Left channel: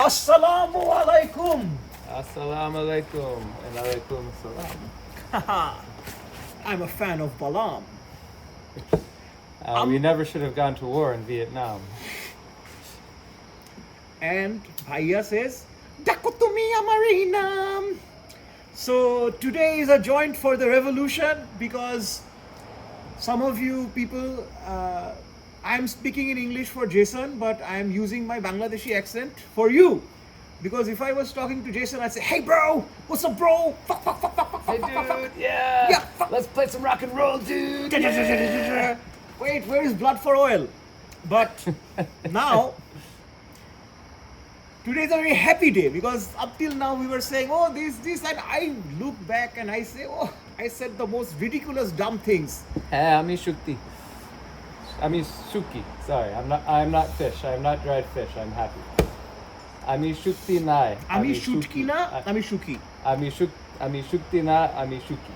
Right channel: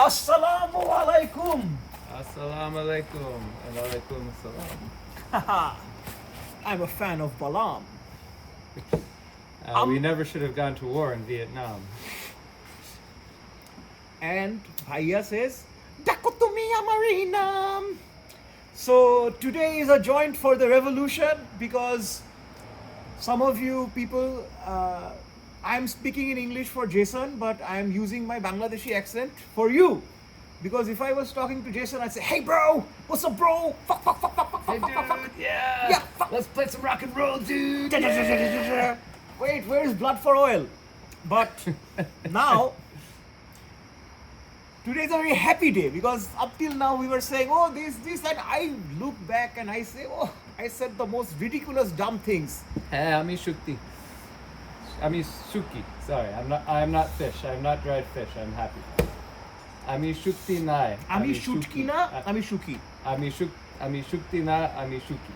Assalamu alaikum. Assalamu alaikum and alaikum assalam. I'm a fan of Balam. We never should have gone to war in Vietnam. And Bhaiya says, Dakotumia Marina. So today is a joint for the revolution because some of you people, I'm speaking in English for Jason, but I'm using my Bangladeshi accent for you. Because if I was talking to Jason, I'd say, hey bro, what's up bro? Fuck, fuck, fuck, fuck, fuck, Hey fuck, fuck, fuck. dude, yeah. Yeah, fuck. Let's play some rock and roll, dude. Yeah. Wait, where is blood for oil? But now, today is a very happy day because up till now we were saying, oh, this, and I look back and I say, oh, I said the most ridiculous, dumb things. Hey, I'm Shukti. I'm Suki. Sorry, I'm not fish. I'm not dried fish. I'm happy. Ami Shukti nai. Ami Shutki na, Ami Shuki. Ami Shukti na, Ami Shuki.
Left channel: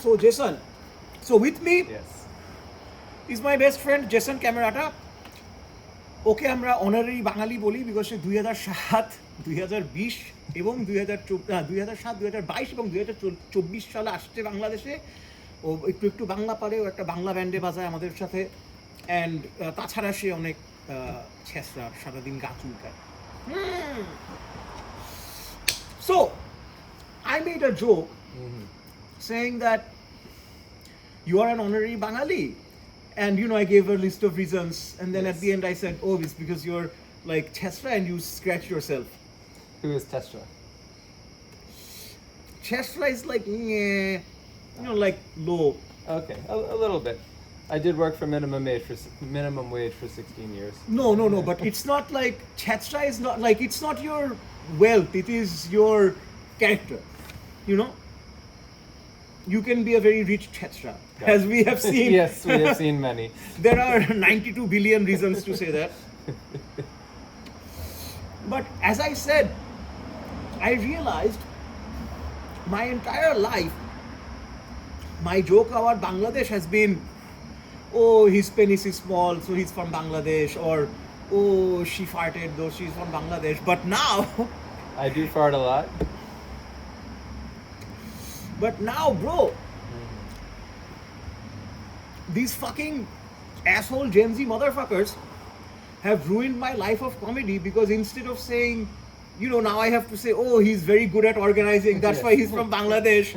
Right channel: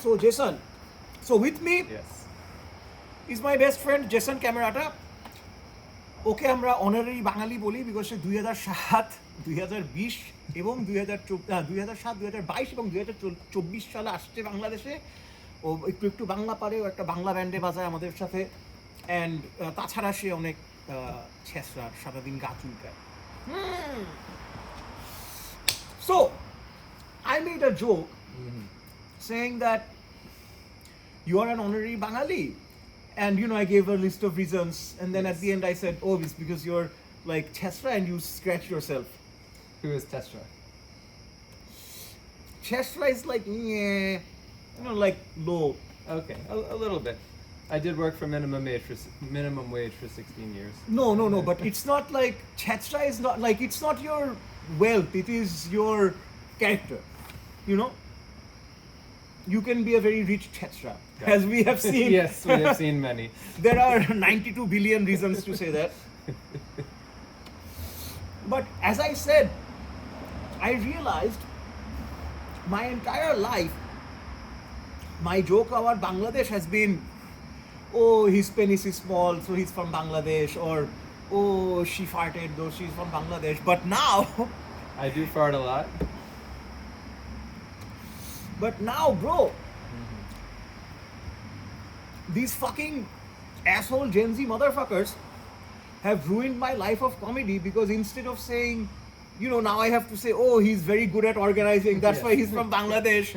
So Jason, with me Yes. is my best friend Jason Camerata. ওকে আমরা honorary বাঙালি বলি because সে 2007, 2020 এবং 2007, 2022 এবং 2024 সালে আসছে বাংলাদেশে। ও একটু বাংলা পারে, ও একটা বাংলা ব্যান্ডে বাজায় আমাদের সাথে। অ্যান্ড তাছাড়া সে অনেক ছেঁচড়া, সারাদিন গা চুলকায়। So I made a joke saying that you are an honorary Bangali. And I gave a list of reasons, and then at the end I said, oh, it's because you're like Chesra and you scratch yourself. Who is Tesra? Chesra is like, like low. Okay, a little bit. I did work for minimum wage for 16 years. No, but it's not like, Chesra is not like, it's not your wealth, it is your character, You can be a very rich Chesra, as we have seen. Yes, we have seen many. There are 92 billion reasons to say that. But as I said, I realized my entire life, my joke about Bangladesh has been, oh, his penis is small, so he's from Bangladesh, or oh, she farted, though she's from Bangladesh. But now, I do fart a lot. But now, bro, these fucking asshole Gen Z motherfuckers have ruined my life of comedy because instead of saying, now I have to say, oh, he's very good at organizing, that's why he's from Bangladesh.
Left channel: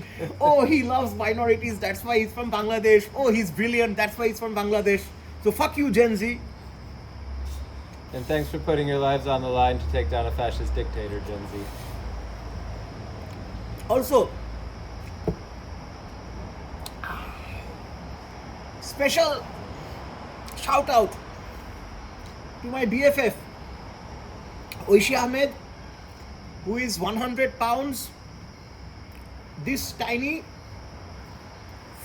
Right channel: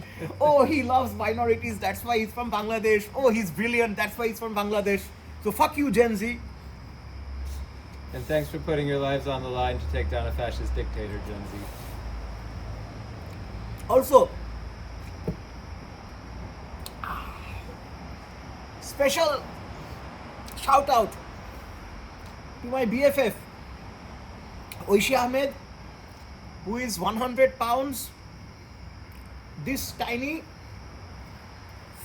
Oh, he loves minorities, that's why he's from Bangladesh. Oh, he's brilliant, that's why he's from Bangladesh. So fuck you, Gen Z. And thanks for putting your lives on the line to take down a fascist dictator, Gen Z. Also, special shout out to my BFF Oishi Ahmed, who is 100 pounds, this tiny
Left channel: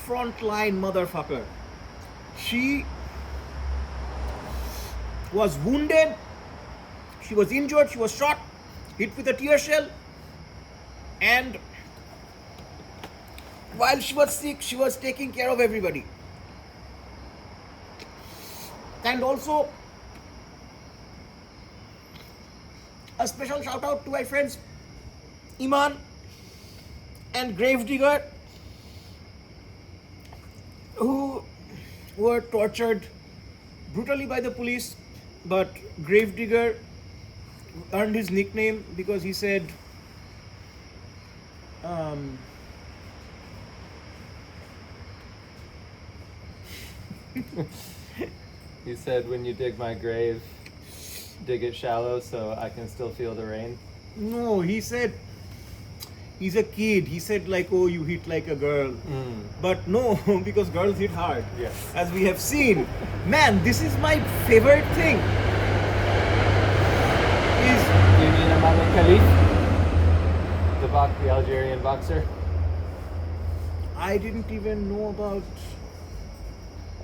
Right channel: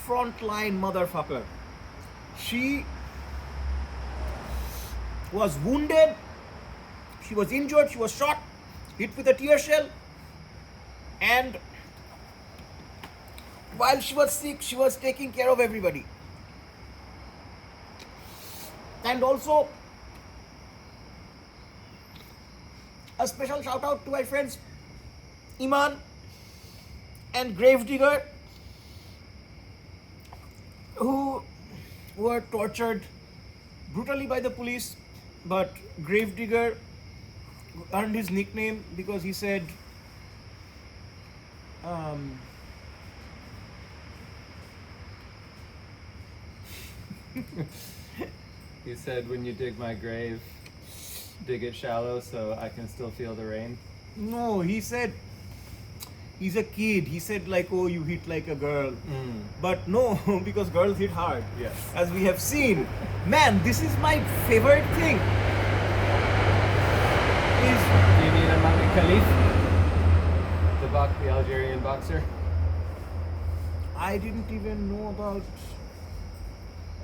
frontline motherfucker. She was wounded, she was injured, she was shot, hit with a tear shell, and while she was sick, she was taking care of everybody. And also, a special shout out to my friends Iman and Gravedigger, who were tortured brutally by the police, but Gravedigger earned his nickname because he said, He said, when you dig my grave, dig it shallow so I can still feel the rain. no, he said, he's a kid. He said like, oh, you hit like a girl. But no, because girls hit hard. Yes. As we have seen. Man, this is my favorite thing. Is Do you mean Imam Khalif? The Algerian boxer? I didn't even know about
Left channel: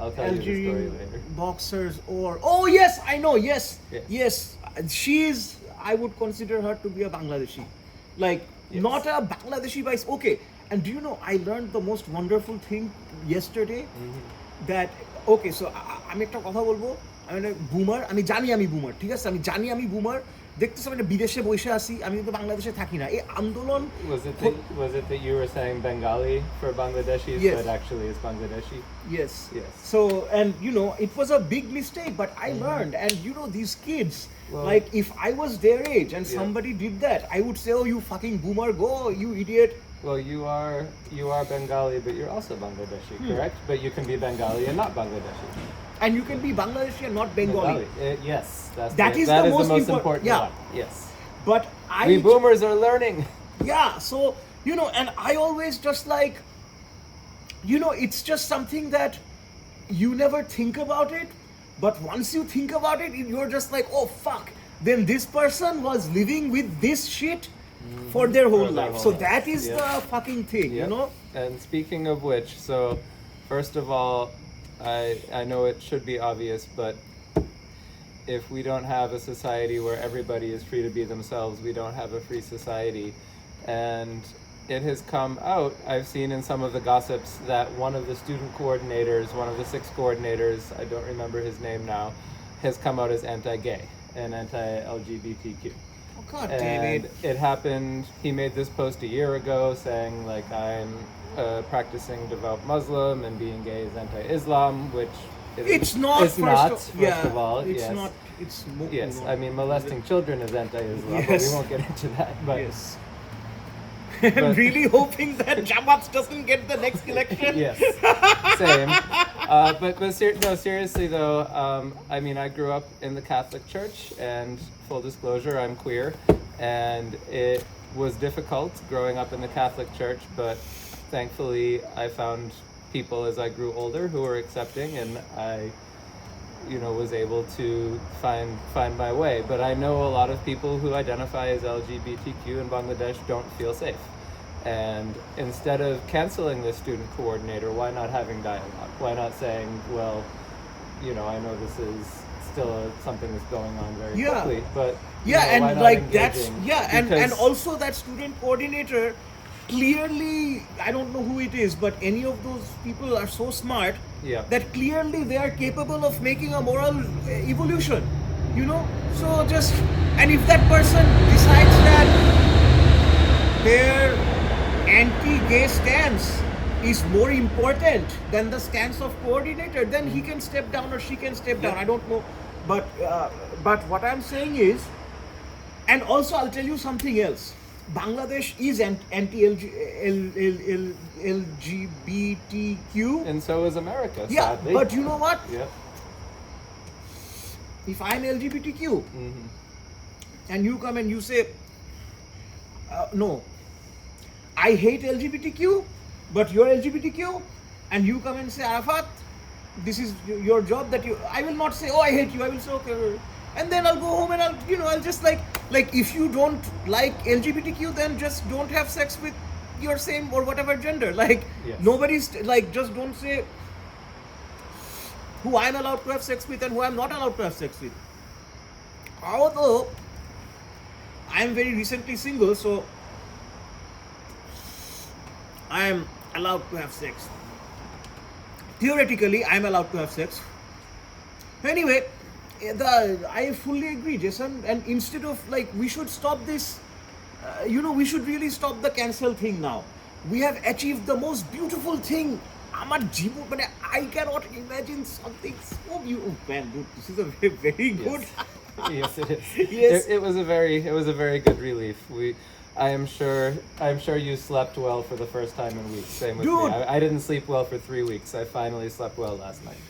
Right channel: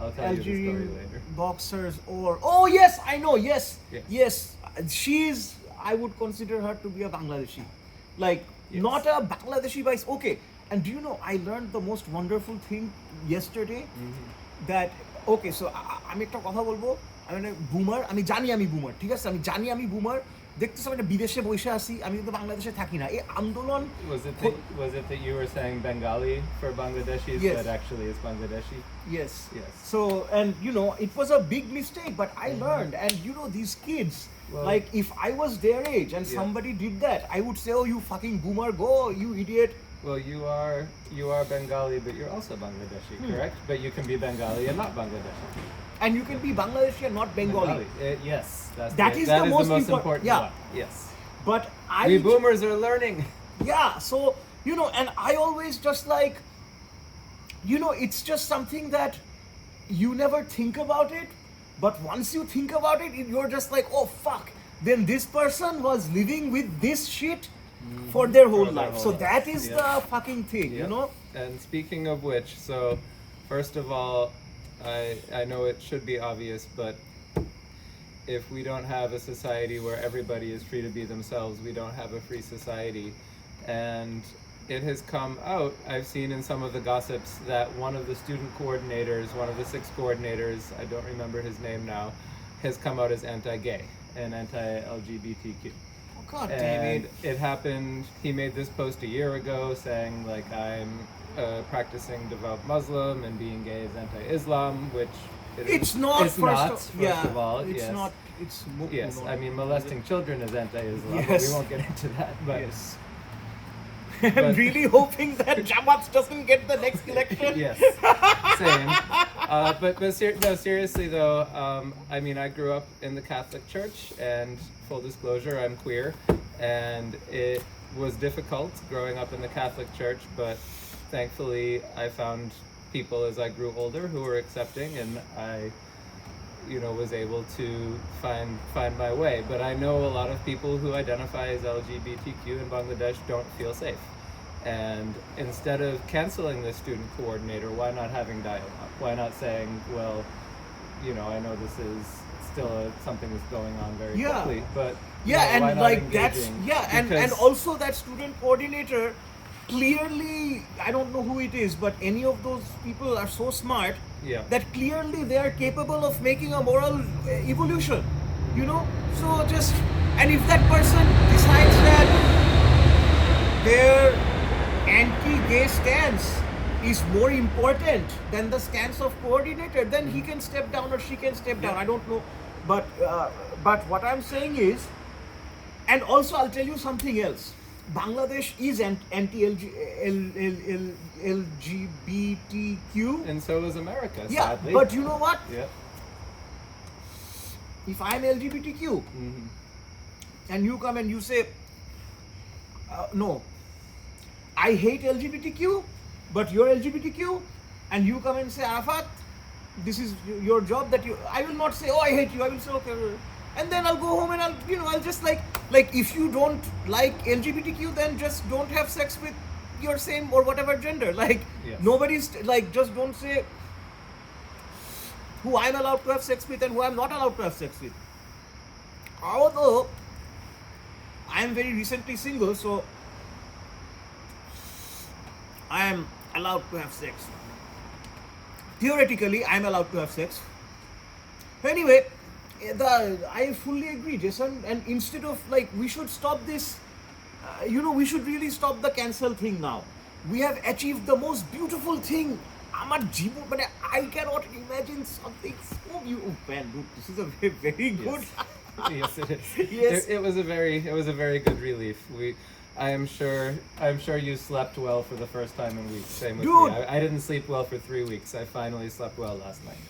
I'll tell you the story Algerian later. boxers or, oh yes, I know, yes. Yes. She's, I would consider her to be a Bangladeshi. Like, Yes. not a Bangladeshi by, okay. And do you know, I learned the most wonderful thing yesterday, that, okay, so আমি একটা কথা বলবো, আমি বুমার, আমি জানি আমি বুমার, ঠিক আছে, আমি জানি আমি বুমার। দেখতেছি আমি একটা বিদেশে বসে আছি, আমি কিন্তু বাংলাদেশে থাকি না। এই আন্দোলন Was it that you were saying Bengali for Bangladeshis, Yes. but actually it's Bangladeshi? Yes. Yes. So, and you know, it was a big mistake, but I learned. And you know, these kids, Well- like if I was their age and Yeah. somebody did that, I would say, "Oh, you fucking boomer, go, you idiot." Well, you are Bengali, but you're also Bangladeshi, correct? But you can be Bengali and not Bangladeshi. And you can be Bangladeshi and not Bengali. Yes, That is the most important yeah. one. Yes. But We boomers are learning. yeah, so you know, and I always just like, you know, it's just something that you never think about it, but once you think about it, you're just like, oh fuck, then this person was living with this shit for their whole For their life. whole So life. that is Yep. the fucking thing, you Yep. know. And speaking of which, so first of all, I know it should be obvious, but if we don't have a society where everybody is free to be themselves, we don't have a free society. And it has come out, I've seen in some of the gossips, that one of the student coordinators, one of the 6 coordinators, I don't remember his name now, has come out as anti-gay and anti-LGBTQ. Oh god damn And it. it happened, he made this post a year ago saying, like, I'm a practicing devout Muslim and being gay is anti-Islam, which it is- It's not. It's not, first yeah, of all. it's Yes. not. It's Yes, you know, I mean, molesting children is anti-Islam, but Yes. we won't get into that. But Yes. I'm really hoping that Jamaat doesn't get the next election. yes, same. No, seriously though, I mean, I grew up in the Catholic Church, and full disclosure, I'm queer, and it was difficult growing up in the Catholic Church, but thankfully I found people as I grew older who were accepting, and I, you know, was able to find my way. But I know a lot of people who identify as LGBTQ in Bangladesh don't feel safe. And instead of canceling the student coordinator, why not having dialogue? Why not saying, well, you know, I know this is still something that's going on very Yeah. quickly, but you Yeah, know, why and not like that's engaging? yeah, and Because- also that student coordinator clearly, I don't know who it is, but any of those people are so smart Yeah. that clearly they are capable of making a moral evolution, you know. So just, and if that person decides that their anti-gay stance is more important than the stance of coordinator, then he can step down or she can step down. I don't know, but what I'm saying is, and also I'll tell you something else. Bangladesh is anti-LGBTQ. and so is America, Yeah, sadly. but you know what? Yep. If I'm LGBTQ Mhm. and you come and you say, no, I hate LGBTQ, but you're LGBTQ, and you come and say, Arafat, this is your job that you, I will not say, oh, I hate you. I will say, okay. And then I'll go home and I'll just like if you don't like LGBTQ, then just don't have sex with your same or whatever gender. Like, Yes. nobody's, like, just don't say who I'm allowed to have sex with and who I'm not allowed to have sex with. Although, I am very recently single, so I am allowed to have sex. Theoretically, I am allowed to have sex. Anyway, I fully agree, Jason. And instead of like, we should stop this. We should really stop the cancel thing now. We have achieved the most beautiful thing. I cannot imagine something so beautiful. Man, dude, this is a very, very good. Yes, it is. Yes. It was a very good relief. I am sure you slept well for the first time in weeks. Same with Dude. me. I didn't sleep well for 3 weeks. I finally slept well last night.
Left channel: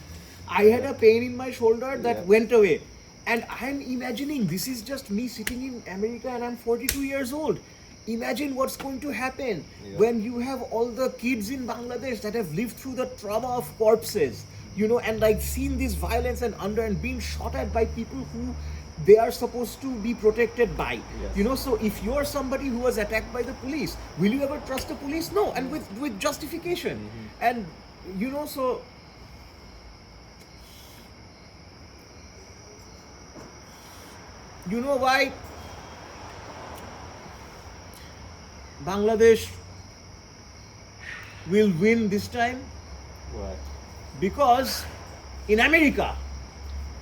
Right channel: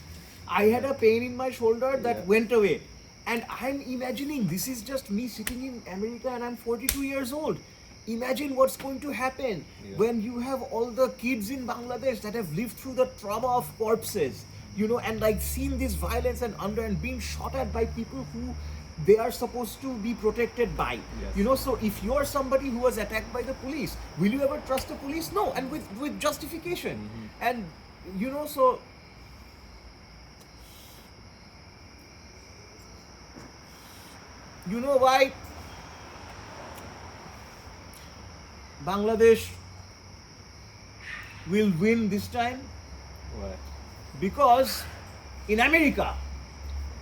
I had a pain in my shoulder that Yeah. went away. And I'm imagining this is just me sitting in America and I'm 42 years old. Imagine what's going to happen Yeah. when you have all the kids in Bangladesh that have lived through the trauma of corpses, and like seen this violence and being shot at by people who they are supposed to be protected by. Yes. So if you're somebody who was attacked by the police, will you ever trust the police? No, and with justification. And so you know why Bangladesh will win this time? What? Because In America,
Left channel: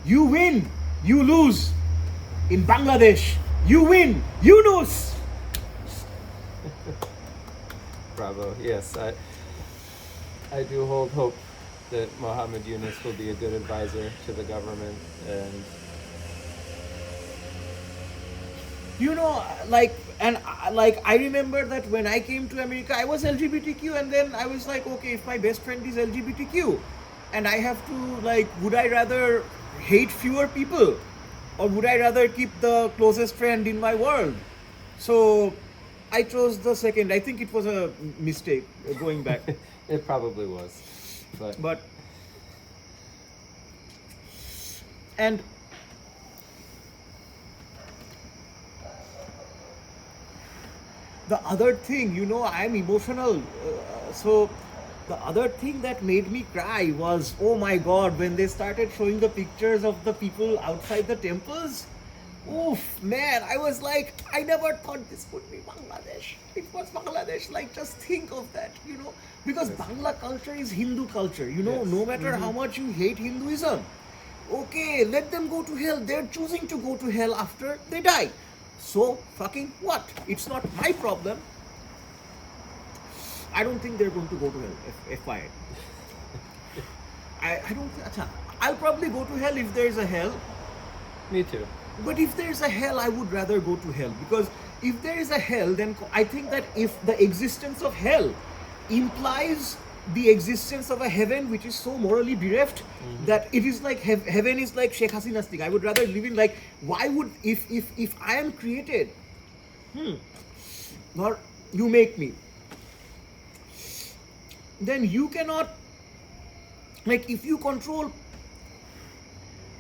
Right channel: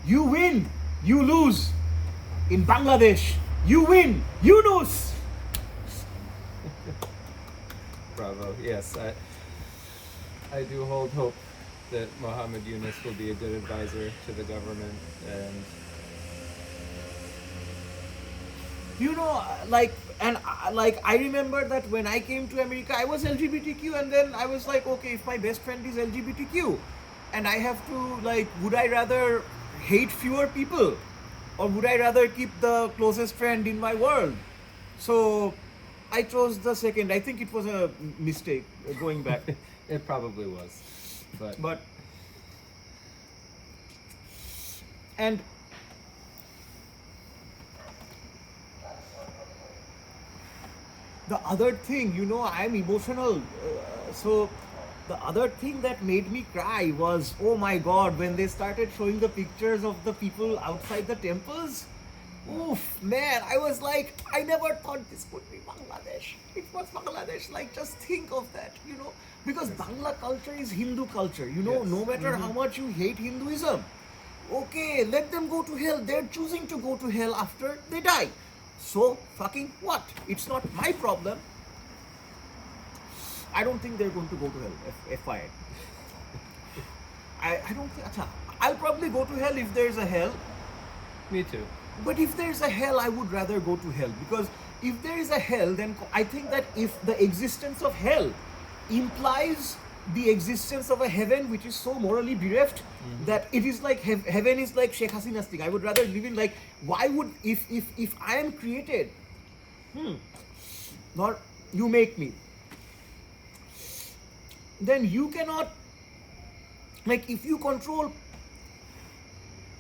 you win, you lose. In Bangladesh, you win, you lose. Bravo. Yes, I do hold hope that Mohammed Yunus will be a good advisor to the government, and You know, I remember that when I came to America, I was LGBTQ, and then I was like, okay, if my best friend is LGBTQ, and I have to, like, would I rather hate fewer people, or would I rather keep the closest friend in my world? So I chose the second. I think it was a mistake going back. it probably was, But and the other thing, you know, I'm emotional. So the other thing that made me cry was, oh my God, when they started showing the pictures of the people outside the temples. Oof, man, I was like, I never thought this would be Bangladesh. It was Bangladesh. Like, just think of that, you know, because Bangla culture is Hindu culture, you know, Yes. no matter how much you hate Hinduism. Okay, let them go to hell. They're choosing to go to hell after they die. So, fucking what? It's not my problem. I don't think they're going to go to hell, FYI. I don't think. I'll probably go to hell if there's a hell. me too. But if there's a hell, I would rather go to hell. Because if there is a hell, then I think that if the existence of hell implies the existence of a heaven which is so morally bereft that it is like heaven is like Sheikh Hasina's thing. I would rather live in, like, why would, if I am created, or you make me, then you cannot, like, if you control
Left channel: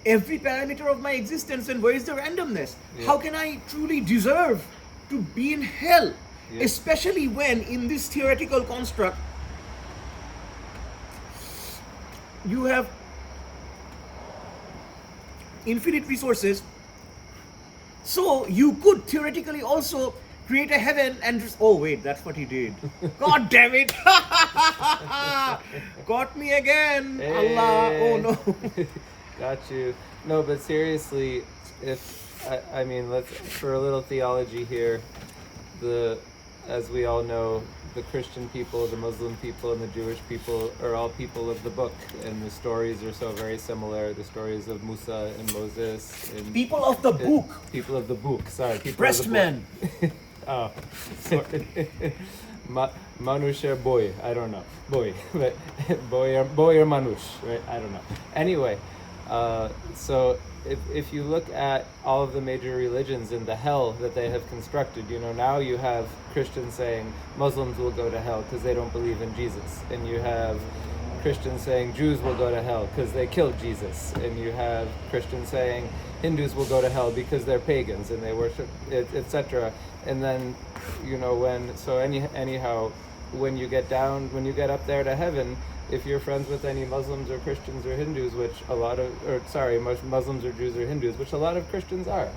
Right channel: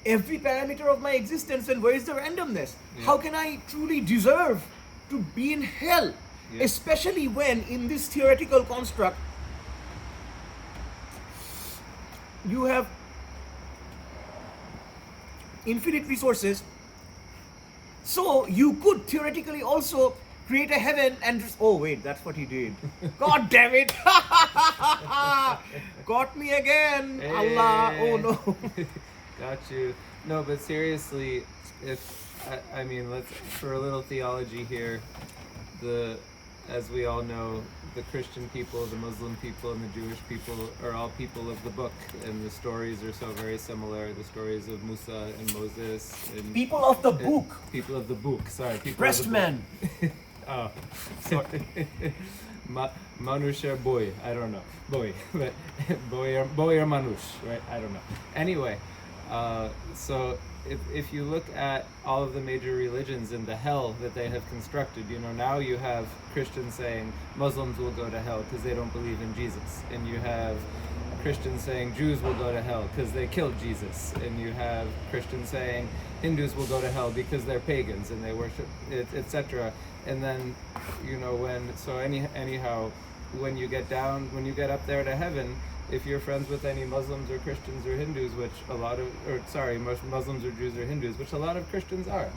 every parameter of my existence, then where is the randomness? Yeah. How can I truly deserve to be in hell? Yeah. Especially when in this theoretical construct you have infinite resources, so you could theoretically also create a heaven and just, oh wait, that's what he did. God damn it. Got me again. Allah, oh no. Got you. No, but seriously, I mean, let's, for a little theology here, as we all know, the Christian people, the Muslim people, and the Jewish people are all people of the book, and the stories are so very similar. The stories of Musa and Moses and People of the book. people of the book. Sorry, people Breast of the man. book. Oh, sorry. Manusha boy, I don't know, boy, but boy or Manush, right? I don't know. Anyway, so if you look at all of the major religions and the hell that they have constructed, you know, now you have Christians saying Muslims will go to hell because they don't believe in Jesus, and you have Christians saying Jews will go to hell because they killed Jesus, and you have Christians saying Hindus will go to hell because they're pagans and they worship, etc. And then, you know, anyhow, when you get up there to heaven, if you're friends with any Muslims or Christians or Hindus, which most Muslims or Jews or Hindus, which a lot of Christians are.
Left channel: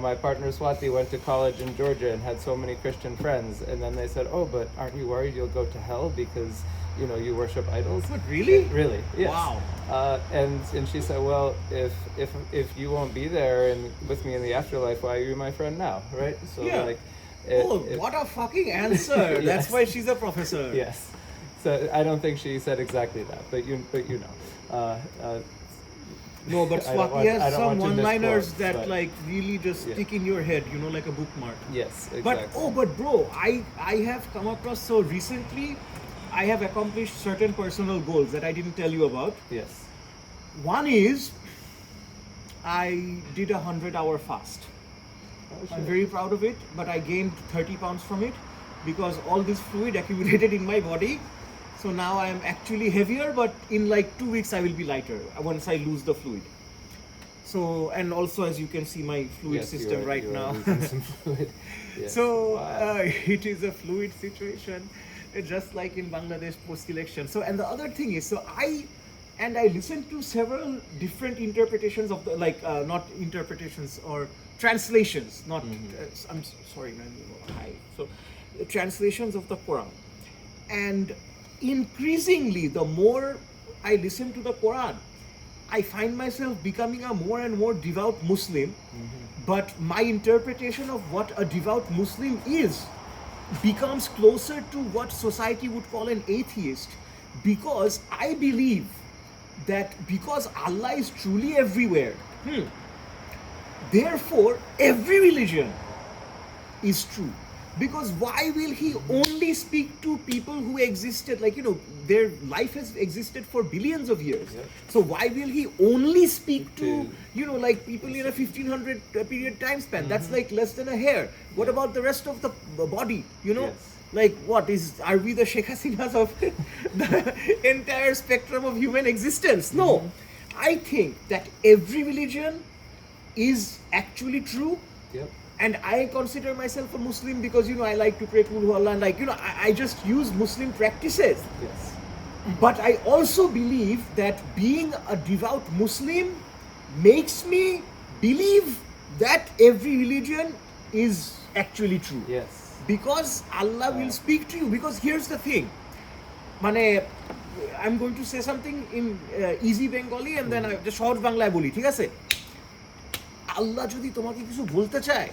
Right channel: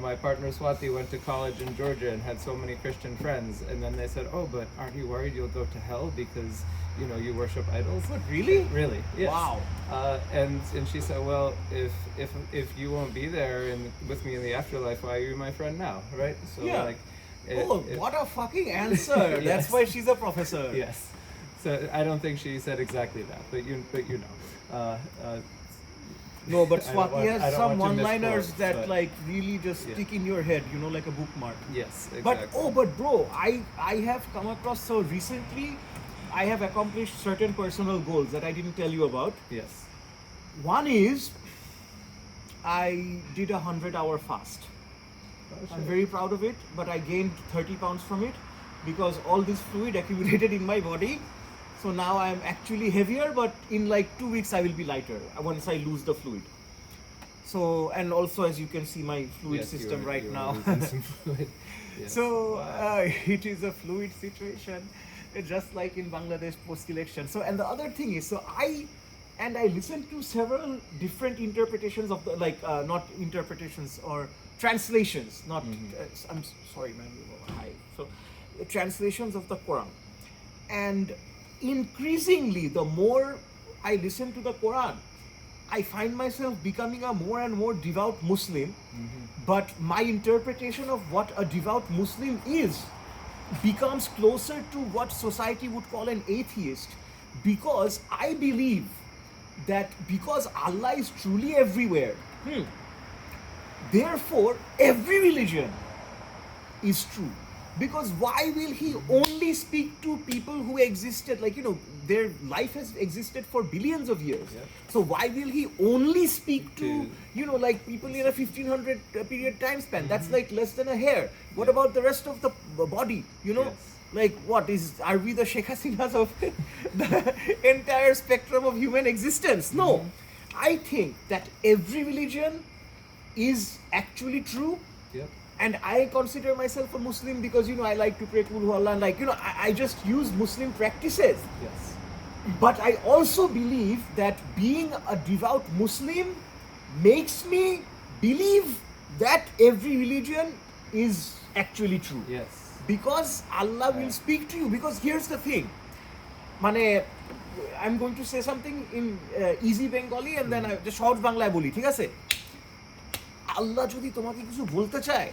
My partner Swati went to college in Georgia and had so many Christian friends, and then they said, "Oh, but aren't you worried you'll go to hell because, you know, you worship idols?" What, really? Really? Yes. Wow. And she said, "Well, if you won't be there and with me in the afterlife, why are you my friend now, right?" So Yeah. What a fucking answer. Yes. That's why she's a professor. Yes. So I don't think she said exactly that, but you know. No, but I don't Swati want- I has don't some want to one-liners misquote, that but- like really just Yeah. stick in your head, you know, like a bookmark. Yes, But exactly. bro, I have come across, so recently I have accomplished certain personal goals that I didn't tell you about. Yes. One is I did a 100-hour fast. Oh, I'm shit. very proud of it, but I gained 30 pounds from it because all this fluid accumulated in my body. So now I'm actually heavier, but in like 2 weeks I will be lighter once I lose the fluid. So, and also as you can see my fluid Yes, system you are- right you are now. losing some fluid. Yes. So Wow. it is a fluid situation, just like in Bangladesh post-election. So, and the other thing is, so I listened to several different interpretations of the, not interpretations or translations, not, I'm sorry man, hi. So translations of the Quran. And increasingly, the more I listen to the Quran, I find myself becoming a more and more devout Muslim. But my interpretation of what a devout Muslim is becomes closer to what society would call an atheist, because I believe that because Allah is truly everywhere, therefore every religion is true. Because why will he only speak to people who existed, like, their life has existed for billions of years? Yep. So why will he only speak to, To- like people in a 1500 period time span? That's like less than a hair. What Yeah. about the rest of the body? Yes. Like, are we the Sheikh Hasinas of the entire spectrum of human existence? No. I think that every religion is actually true. Yep. And I consider myself a Muslim because, I like to pray to Allah, and like, I just use Muslim practices. Yes. But I also believe that being a devout Muslim makes me believe that every religion is actually true. Yes. Because Allah will speak to you. Because here's the thing, I'm going to say something in easy Bengali and then the short Bangla boli, ঠিক আছে? আল্লাহ যদি তোমাকে কিছু বলতে চায়,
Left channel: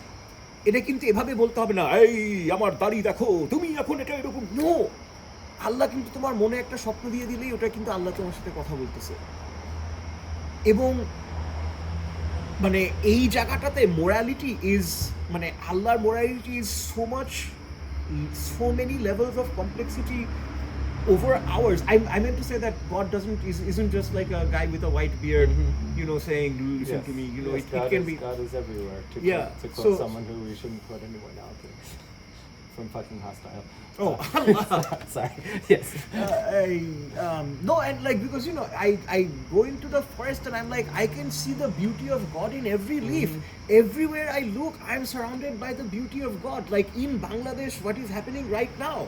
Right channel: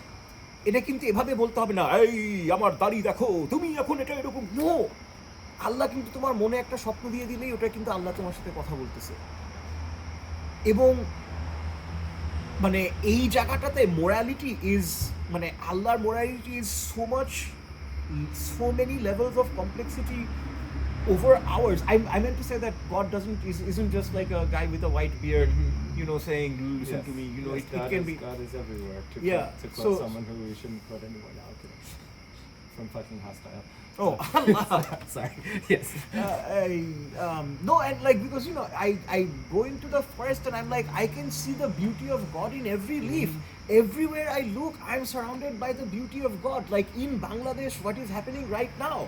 এটা কিন্তু এভাবে বলতে হবে না, এই আমার দাড়ি দেখো, তুমি এখন এটা এরকম। নো, আল্লাহ কিন্তু তোমার মনে একটা স্বপ্ন দিয়ে দিলেই ওটা কিন্তু আল্লাহ তোমার সাথে কথা বলতেছে। এবং এই জায়গাটাতে মোরালিটি ইজ, আল্লাহর morality is so many levels of complexity over hours. I meant to say that God isn't just like a guy with a white beard, saying, listen Yes. to me. Yes, It can be. God is everywhere. Yeah, To quote so- someone who we shouldn't quote anymore now, from fucking hostile. Oh, Allah. Sorry. Yes. No, and like, because I go into the forest and I'm like, I can see the beauty of God in every leaf. Everywhere I look, I'm surrounded by the beauty of God. Like in Bangladesh, what is happening right now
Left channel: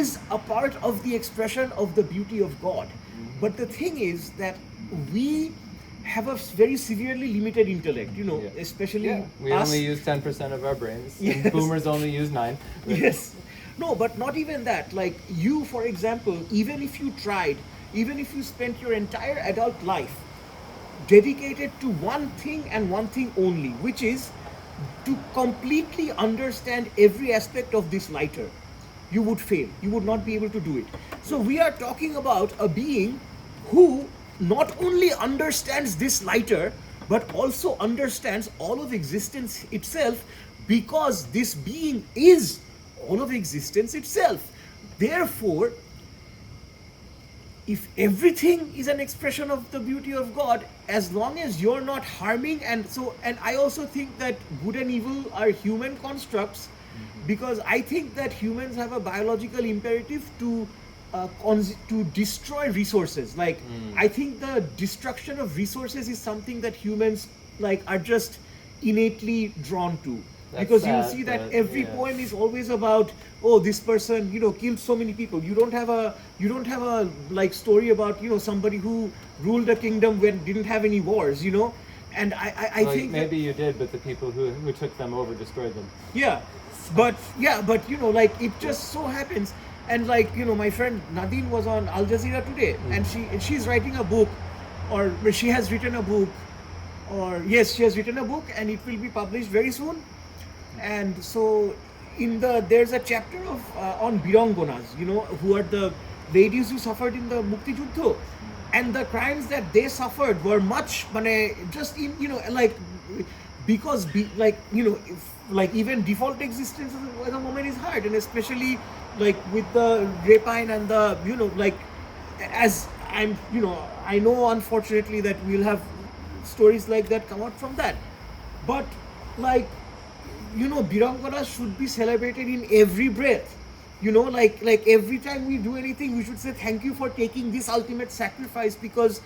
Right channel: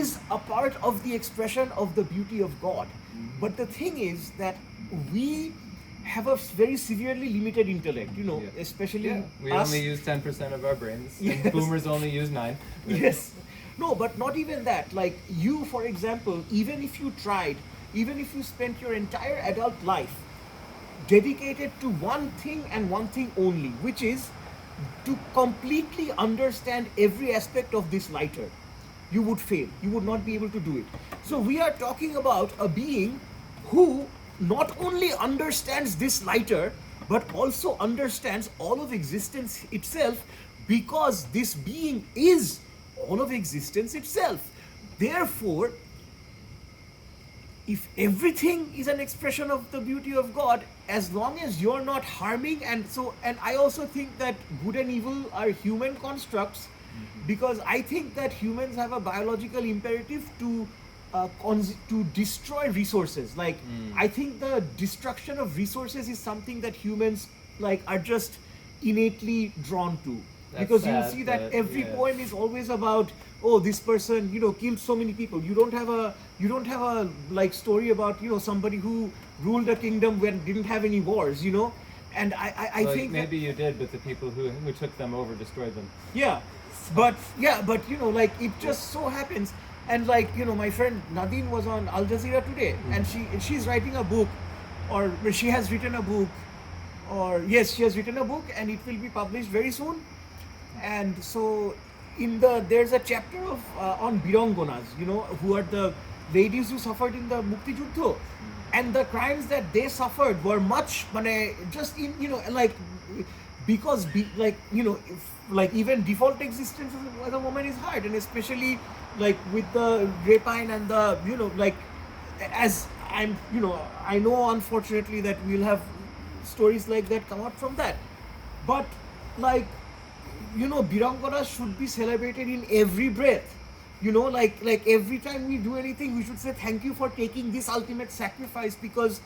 is a part of the expression of the beauty of God. But the thing is that we have a very severely limited intellect, Yeah. especially Yeah. We us. only use 10% of our brains. Yes. And boomers only use 9. Yes. No, but not even that. Like you, for example, even if you spent your entire adult life dedicated to one thing and one thing only, which is to completely understand every aspect of this lighter, you would fail. You would not be able to do it. So we are talking about a being who not only understands this lighter, but also understands all of existence itself, because this being is all of existence itself. Therefore, if everything is an expression of the beauty of God, as long as you're not harming, and I also think that good and evil are human constructs, because I think that humans have a biological imperative to destroy resources. Like I think the destruction of resources is something that humans are just innately drawn to. That's Because sad, you see that but every yeah. poem is always about, oh, this person killed so many people. You don't have a like story about somebody who ruled a kingdom when didn't have any wars. And I Well, think maybe you did, but the people who took them over destroyed them. but like it just so happens, and my friend Nadine was on Al Jazeera today, and she's writing a book, or she has written a book, she has written a book, and it will be published very soon. And so there's a chapter of on Birangonas, who are the ladies who suffered in the Mukti Juddho, and the crimes that they suffered were much, just in because even default existence as a woman is hard, and especially with the rapine and the as I'm I know unfortunately that we'll have stories like that come out from that, but Birangana should be celebrated in every breath. Like every time we do anything, we should say thank you for taking this ultimate sacrifice, because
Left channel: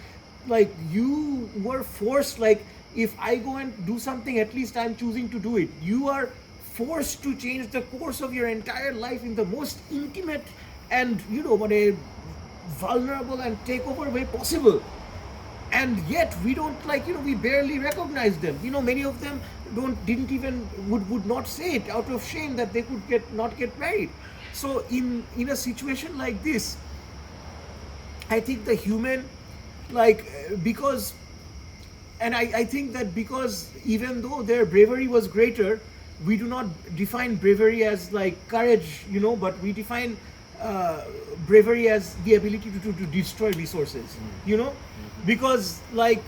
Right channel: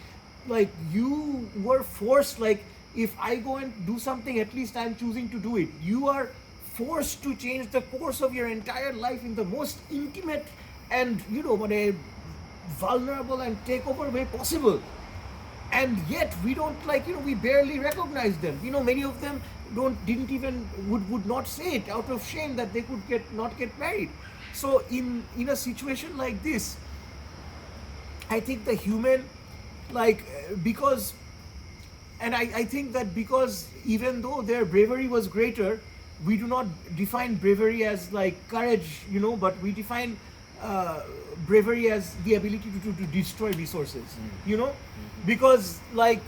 you were forced. If I go and do something, at least I'm choosing to do it. You are forced to change the course of your entire life in the most intimate and vulnerable and takeover way possible. And yet we don't we barely recognize them. Many of them didn't even would not say it out of shame that they could not get married. So in a situation like this, I think the human, like, because, and I think that because even though their bravery was greater, we do not define bravery as like courage, but we define bravery as the ability to destroy resources, because like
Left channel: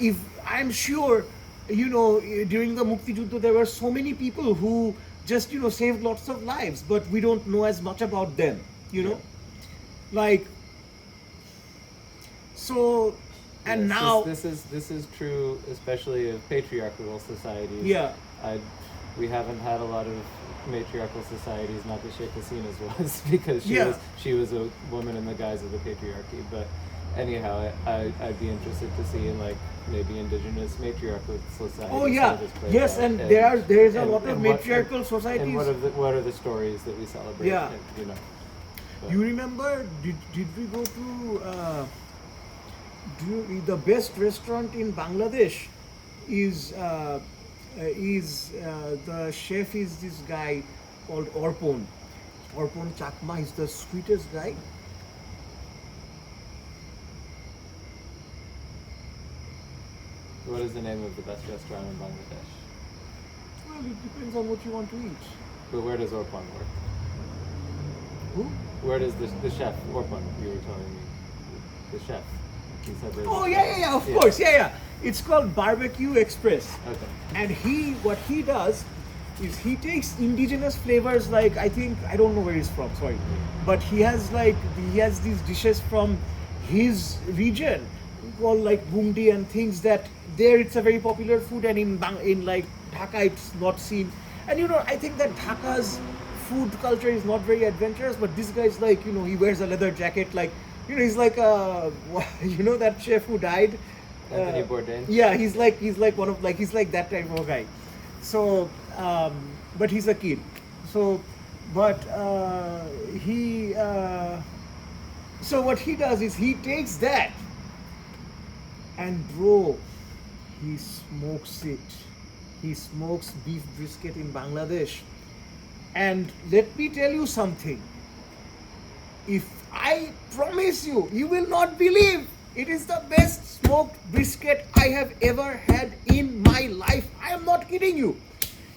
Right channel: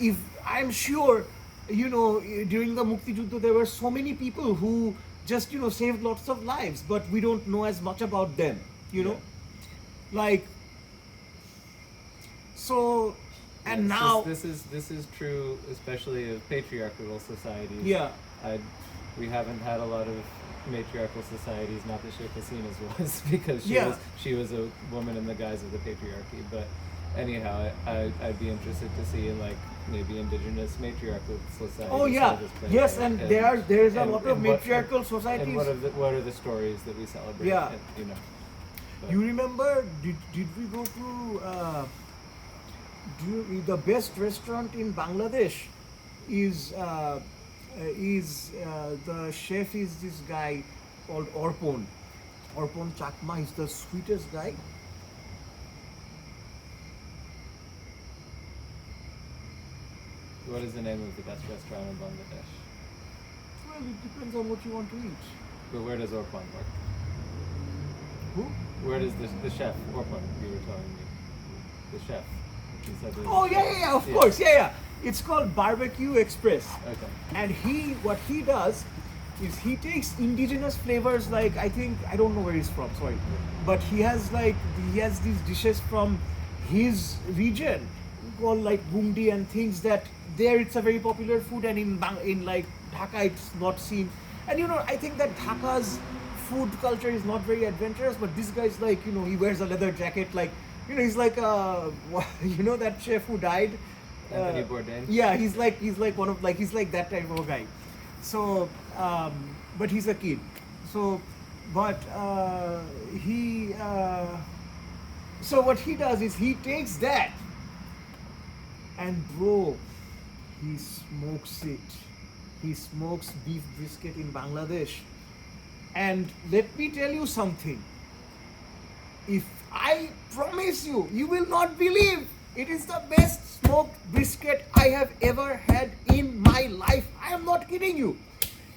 if I'm sure, during the Mukti Juddha there were so many people who just saved lots of lives, but we don't know as much about them, like, so, and Yes, now this is true, especially of patriarchal societies. Yeah. We haven't had a lot of matriarchal societies, not that Sheikh Hasina's was, because Yeah. she was a woman in the guise of the patriarchy. But anyhow, I'd be interested to see in like maybe indigenous matriarchal societies. Oh how yeah, this plays yes, out, and there is a and- lot of and what- matriarchal societies. And what are the stories that we celebrate? Yeah. But- You remember? Did we go to the best restaurant in Bangladesh? Is the chef is this guy called Orpon Chakma. He's the sweetest guy. What is the name of the best restaurant in Bangladesh? Well, it depends on what you want to eat. But where does Orpan work? Who? Where does the chef Orpan? You were telling me, the chef. You said there's Oh a yeah, chef. of course, yeah. It's called Barbecue Express. Okay. And what he does is he takes indigenous flavors, like I don't know where he's from, sorry, but he has these dishes from his region called like bungdi and things that there it's a very popular food, and in like Dhaka it's not seen. And I think that Dhaka's food culture is not very adventurous, but this guy's like, he wears a leather jacket, like, he's like that chef who died. Anthony Bourdain. Yeah, he's like one of he's like that type of guy. So, but he's a kid. So, but so what he does is he takes that and bro, he smokes it. He smokes beef brisket in Bangladesh. And let me tell you something. If I promise you, you will not believe. It is the best smoked brisket I have ever had in my life. I am not kidding you.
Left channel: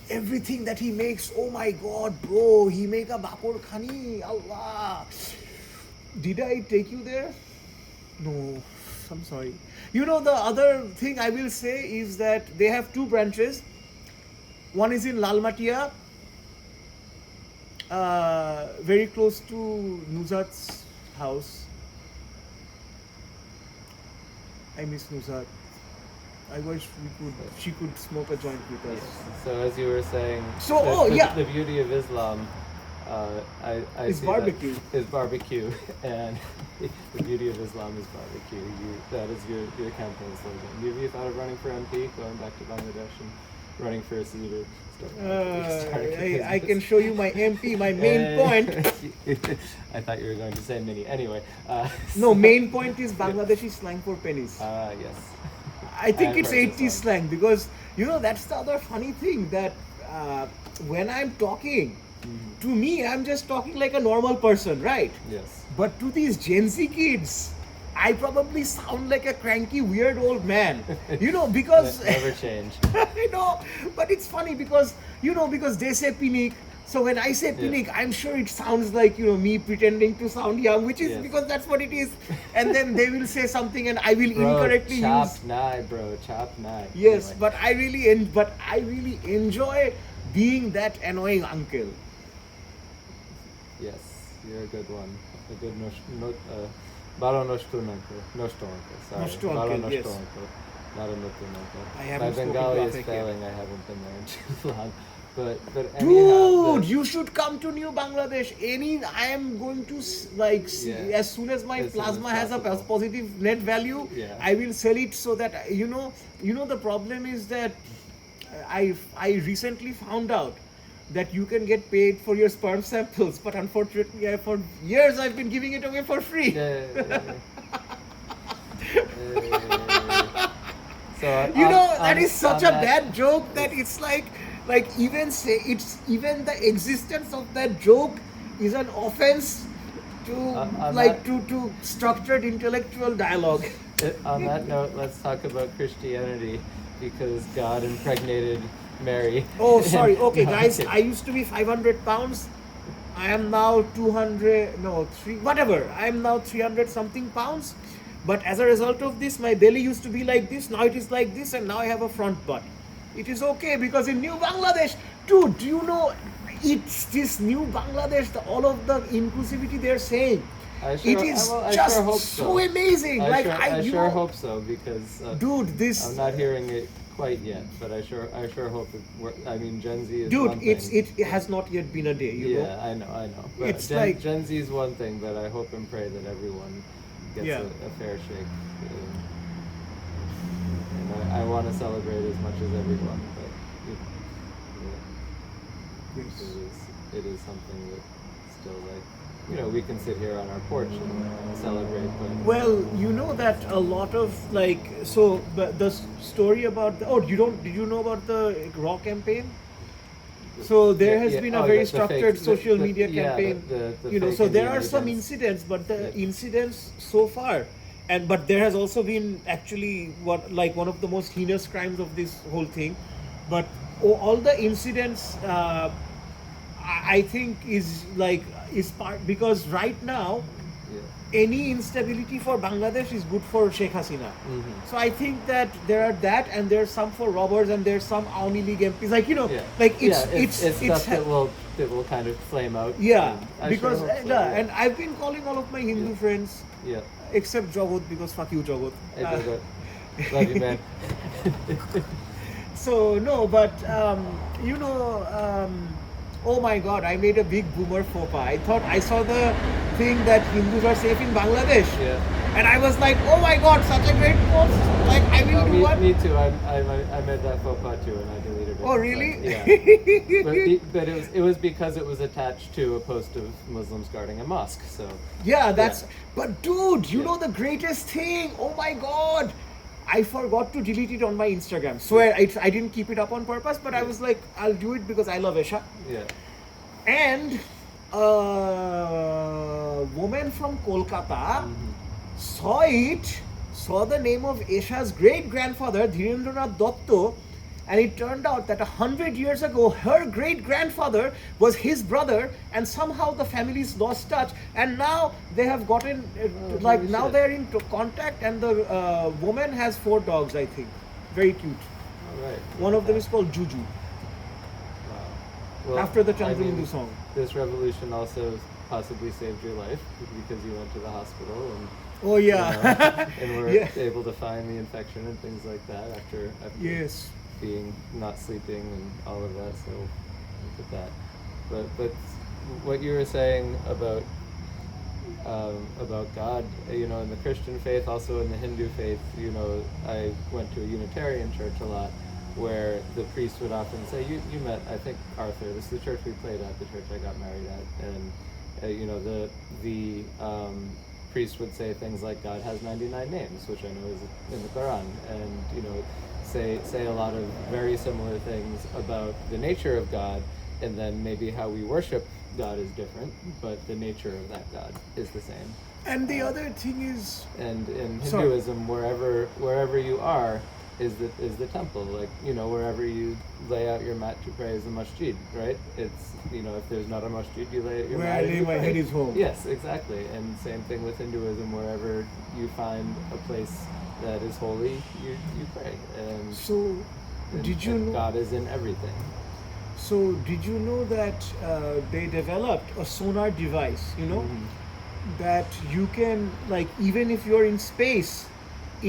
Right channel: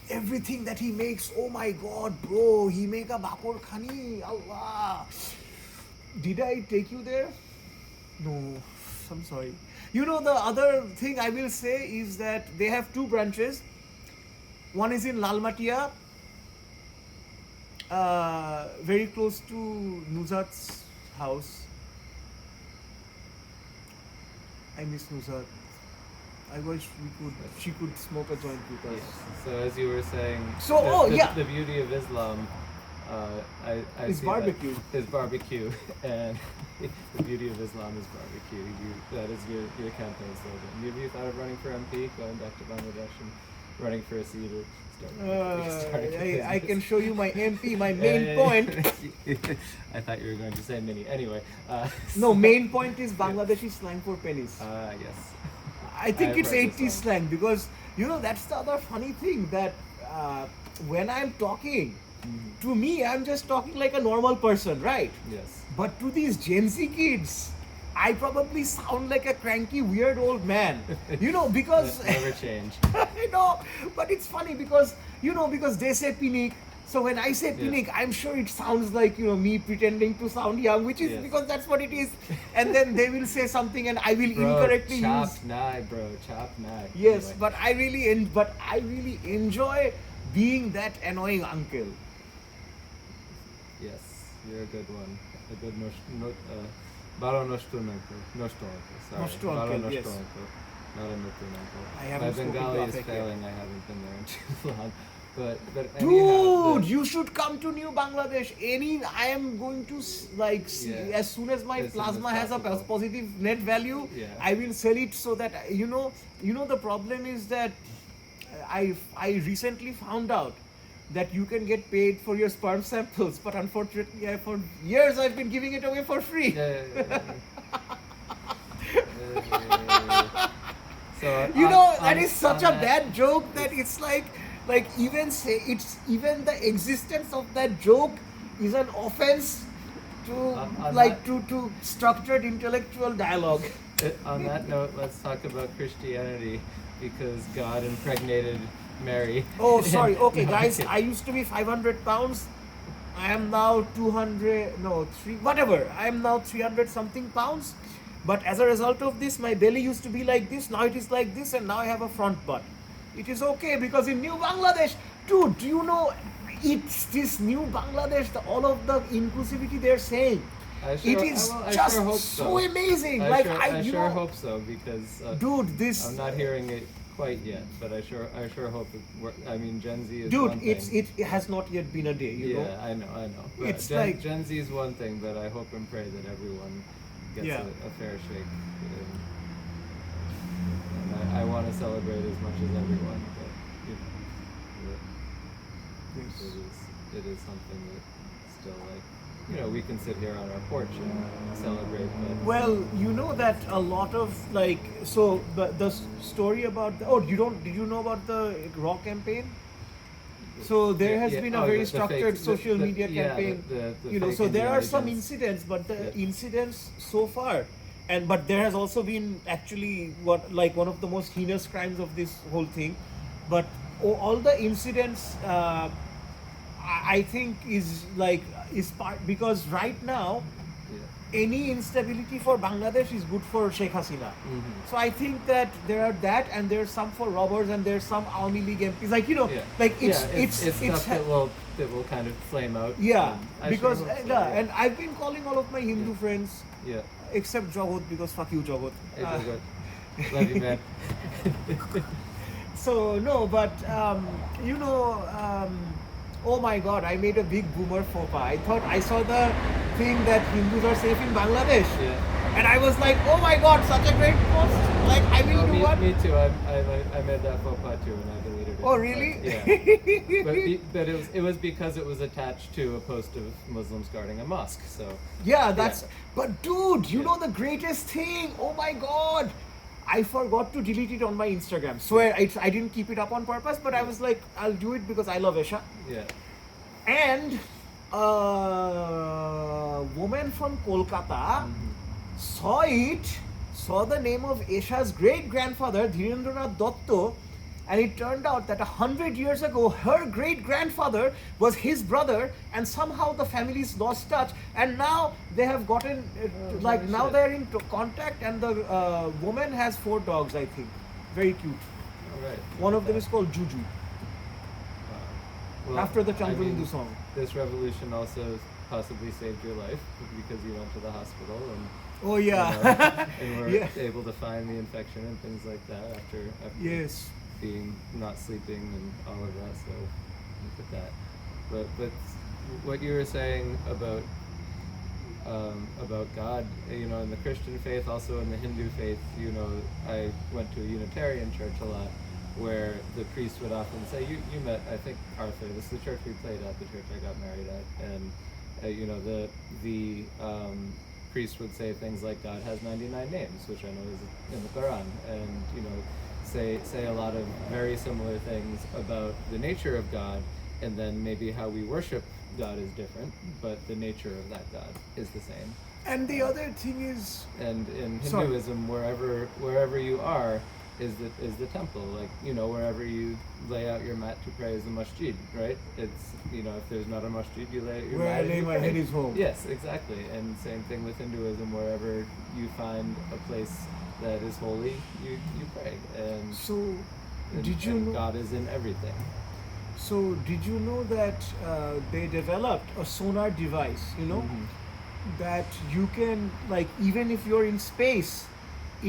Everything that he makes, oh my god, bro, he make a bakor khani, Allah. Did I take you there? No, I'm sorry. The other thing I will say is that they have two branches. One is in Lalmatia, very close to Nuzat's house. I miss Nuzat. I wish she could smoke a joint with us. Yes. So as you were saying, So, the beauty of Islam, I It's see barbecue. That is barbecue, and the beauty of Islam is barbecue. That is your campaign slogan. Have you thought of running for MP, going back to Bangladesh and running for a seat or starting a I can business? show you my MP, my main point. I thought you were going to say mini. Anyway. No, main point is Bangladeshi slang for pennies. Yes. I think I've it's heard this 80s one. slang because, that's the other funny thing that when I'm talking, to me, I'm just talking like a normal person, right? Yes. But to these Gen Z kids, I probably sound like a cranky, weird old man. Because Never change. I know, but it's funny because because they say pinik. So when I say pinik, I'm sure it sounds like me pretending to sound young, which is Yes. because that's what it is. And then they will say something, and I will Bro, incorrectly chop use. nai, bro. Chop nai. Yes, Anyway. but I really enjoy being that annoying uncle. Yes, you're a good one. A good balo noshtu uncle. Sorry. Noshtu Balo uncle, yes. uncle. Not a notu uncle. I My haven't spoken Bengali is Gothic yet. failing. I haven't been there in too long. But anyhow, Dude, you should come to New Bangladesh. I am going to Yeah. as soon as my As soon as plasma has a possible. positive net value, Yeah. I will sell it so that the problem is that I recently found out that you can get paid for your sperm samples, but unfortunately, for years I've been giving it away for free. So That is such a bad joke that it's like even the existence of that joke is an offense to On like that- to structured intellectual dialogue. On that note, let's talk about Christianity because God impregnated Mary. Oh, sorry. Okay, No, I'm guys, kidding. I used to be 500 pounds. I am now 200, no, 3, whatever. I am now 300 something pounds. But as a result of this, my belly used to be like this. Now it is like this, and now I have a front butt. It is okay because in New Bangladesh, dude, do you know, it's this New Bangladesh, all of the inclusivity they're saying. I It is I just sure hope so amazing. Like, I you sure know, hope so because dude, this. I'm not hearing it quite yet, but I sure hope it works. I mean, Gen Z is Dude, one it's thing. it has not yet been a day, you Yeah, know. I know. But It's like- Gen Z is one thing, but I hope and pray that everyone gets Yeah. a fair shake. And I want to celebrate as much as everyone, but you know, it is something that still like, you know, we can sit here on our porch and celebrate, but Well, you know that a lot of like so the story about did you know about the Raw campaign? So there has been a oh, very the structured fake- social the- media yeah, campaign. the You know, fake so there Indiana are some Jones. incidents, but the Yeah. incidents so far, but there has also been actually one of the most heinous crimes of this whole thing. But all the incidents, I think is part because right now yeah. any instability for Bangladesh is good for Sheikh Hasina. Mhm. So I think that there are that, and there's some for robbers, and there's some Awami League MPs. Like, you know, Yeah. like Yeah, it's stuff ha- that will kind of flame out. yeah, and I because sure hope so, yeah. and I've been calling all of my Hindu Yeah. friends Yeah. except Jagat because fuck you, Jagat. Hey, Uh, Jagat. Love you, man. So no, but you know, oh my God, I made a big boomer faux pas. I thought I saw the thing that Hindus are safe in Bangladesh, Yeah. and I was like, oh my God, such a great post. Like I will do what? Me too. I made that faux pas too, and I deleted it. Oh but, really? yeah. But it was because it was attached to a post of Muslims guarding a mosque. So Yeah, that's. Yeah. But dude, you Yeah. know the greatest thing? Oh my God, I forgot to delete it on my Instagram. Swear, I didn't keep it up on purpose, but I Yeah. was like, I'll do it because I love Esha. yeah. And a woman from Kolkata saw the name of Esha's great grandfather Dhirendranath Dotto, and it turned out that 100 years ago her great grandfather was his brother, and somehow the families lost touch, and now they have gotten Oh, like holy now shit. they're in contact, and the woman has 4 dogs, I think, very cute. All right. One of them is called Juju, Wow. Well, after the I Chandru mean, Hindu song. This revolution also possibly saved your life because you went to the hospital and Oh you yeah. know, and were Yeah. able to find the infection and things like that after Yes. being not sleeping and all of that. So look at that. But what you were saying about God, you know, in the Christian faith, also in the Hindu faith, you know, I went to a Unitarian church a lot, where the priest would often say, "You met, I think, Arthur. This is the church we played at, the church I got married at," and you know, the priest would say things like, "God has 99 names," which I know is in the Quran, and you know, say a lot of very similar things about the nature of God, and then maybe how we worship God is different, but the nature of that God is the same. And the other thing is, And in Sorry. Hinduism, wherever you are is the temple. Like, you know, wherever you lay out your mat to pray is the masjid, right? It's, you know, if there's not a masjid, you lay out your where mat I and lay you my pray. head is home. Yes, exactly. And same thing with Hinduism. Wherever you find a place that is holy, you pray. And, So, did you and know? God is in everything. So, did you know that they developed a sonar device? You know, Mhm. that you can, like, even if you're in space,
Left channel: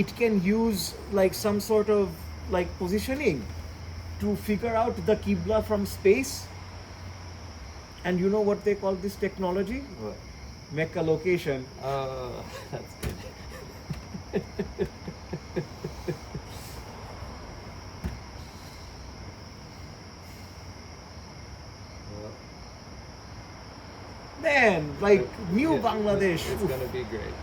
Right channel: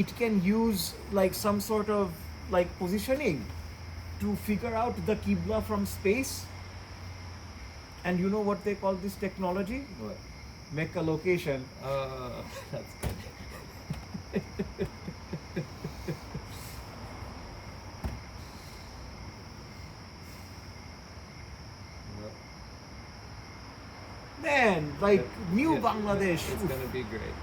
it can use like some sort of like positioning to figure out the Qibla from space. And you know what they call this technology? What? Mecca location. Oh, that's good. Well, Man, like it- new it- Bangladesh. It's gonna be great.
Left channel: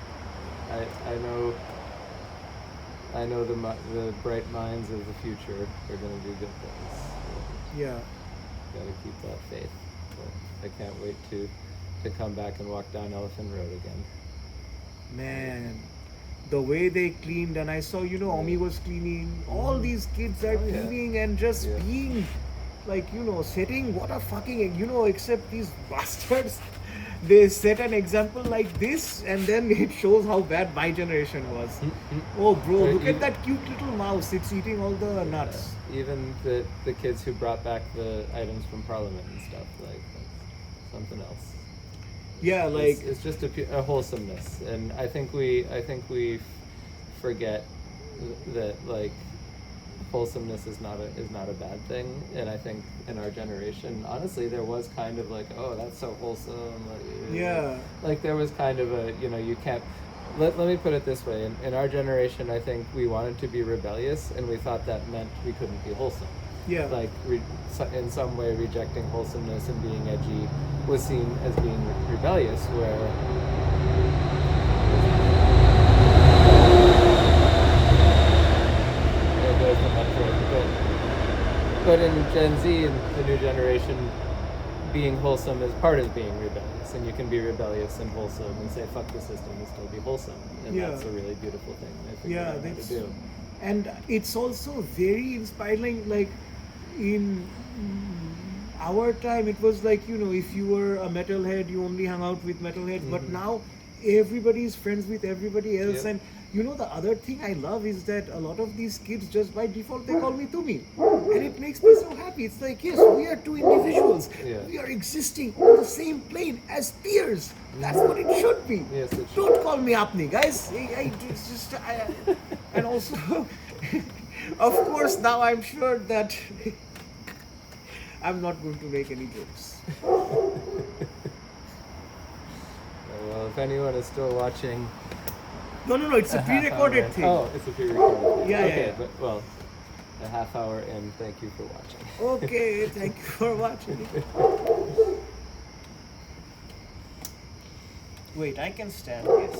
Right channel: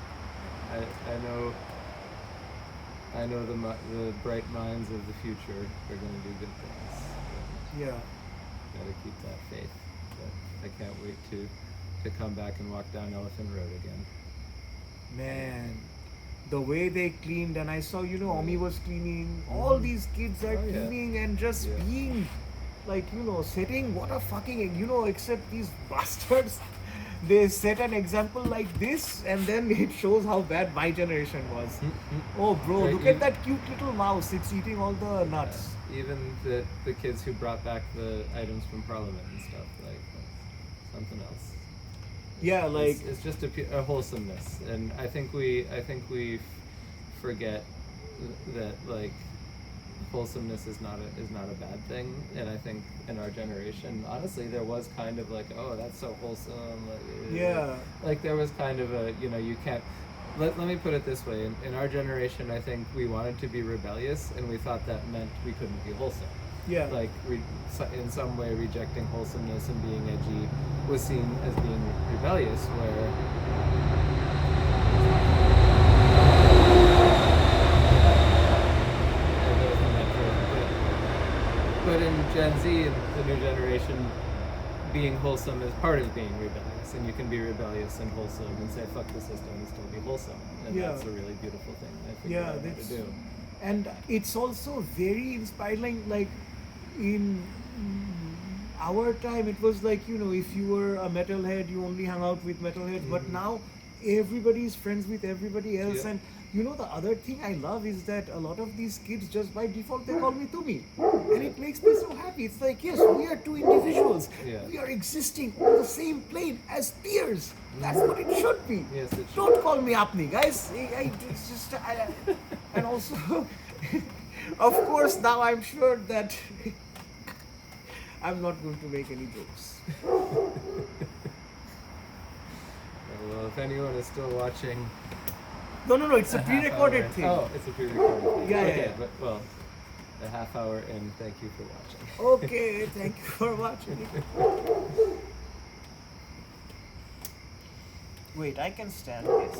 I know the bright minds of the future are gonna do good things. Yeah. Gotta keep that faith. But I can't wait to to come back and walk down Elephant Road again. Man, the way they cleaned, and I saw, Omi was cleaning, all these kids are Oh, yeah. cleaning and just Yeah. being like, setting what a fucking, except these bastards, they set an example like this, and then it shows how bad my generation was. Oh, bro, Right, look you- at that cute little mouse, it's eating all the nuts. Even the kids who brought back the items from Parliament and stuff, like that's something else. Yeah, like, It's just a wholesomeness, and I think we forget that like wholesomeness is not a bad thing, and I think in our generation, honestly, there was kind of like, oh, that's so wholesome. Yeah. Like there was kind of a, you can't. Let me put it this way: in our generation, I think we wanted to be rebellious, and we thought that meant we couldn't be wholesome. yeah. Like in some way rejecting wholesomeness and being edgy was seen as being rebellious, where there's the metric. But in Gen Z and the new generation, being wholesome is part of being rebellious, and you can be rebellious and wholesome and say fuck the system and still be wholesome, and Yeah. that's a really beautiful thing I think Yeah, we know how to that's do. and it's also very inspiring. Like in our time, it was like if you were a metalhead, you only hung out with metalheads. But now everybody is friends with everybody else. Yep. And the other thing I love is that a lot of these kids, just by default, they call me Tumi, and it makes me so happy. It's like, yes, we are two individuals. Yeah. We are existing on the same plane as peers. That's what it should be. Yes, it should. Don't call me Apni, guys. It's just, and also, of course, now I'm sure that I'm not going to make any jokes. Well, if anyone is still watching, No, it's a half hour pre-recorded in- thing. Oh, it's a pre-recorded thing. Yeah, okay, yeah. but well, a half hour in. Thank you for watching. Okay, thank you for watching. Wait, I can stand, yes.